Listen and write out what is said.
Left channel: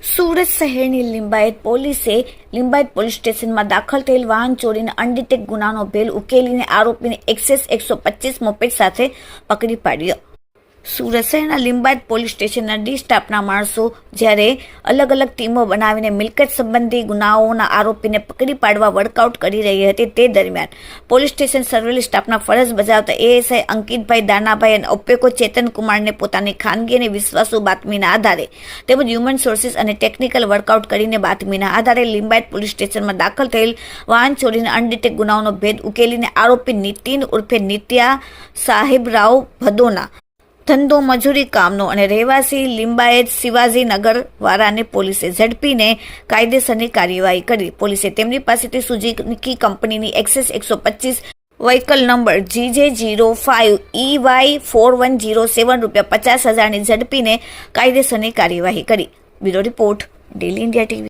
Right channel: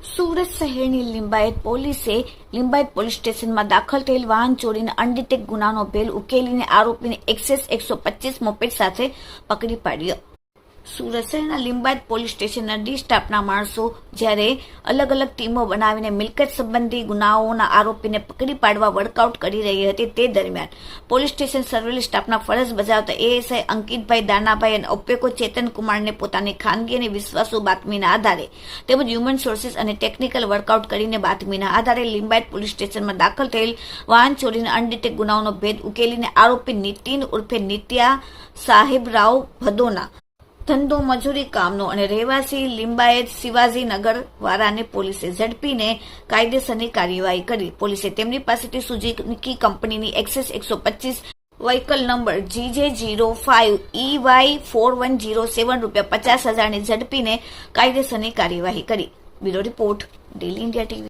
સુરત શહેરની લિંબાયત પોલીસે લિંબાયત પોલીસ સ્ટેશનમાં દાખલ થયેલ વાહન ચોરીના અનડિટેક ગુનાનો ભેદ ઉકેલીને આરોપીને એક્સેસ 125 મોપેડ સાથે પકડી પાડ્યો। સુરત શહેરના લિંબાયત પોલીસ સ્ટેશનના ડી સ્ટાફના માણસો જ્યારે અલગ અલગ ટીમો બનાવીને મિલકત સંબંધી ગુનાઓના આરોપીને પકડી પાડવા વર્કઆઉટ કરી રહી હતી, તે દરમિયાન પોલીસ સ્ટેશન સર્વેલન્સ સ્ટાફના ફરજ બજાવતા એએસઆઈ અંકિતભાઈ દાનાભાઈ અને ઓપેકો ચેતનકુમારને પોતાની ખાનગી અને વિશ્વાસુ બાતમીના આધારે તેમજ હ્યુમન સોર્સિસ અને ટેકનિકલ વર્કઆઉટ કરીને બાતમીના આધારે લિંબાયત પોલીસ સ્ટેશનમાં દાખલ થયેલ વાહન ચોરીના અનડિટેક ગુનાઓનો ભેદ ઉકેલીને આરોપી નીતિન ઉર્ફે નિત્યા સાહેબરાવ ભદોના ધંધો મજૂરી કામનો અને રહેવાસી લિંબાયત શિવાજીનગર વાળાને પોલીસે ઝડપીને કાયદેસરની કાર્યવાહી કરી। પોલીસે તેમની પાસેથી સુઝુકી કંપનીની એક્સેસ 125 વ્હીકલ નંબર GJ05EY4107 રૂપિયા 50,000ની ઝડપીને કાયદેસરની કાર્યવાહી કરી। Bureau report, daily India TV.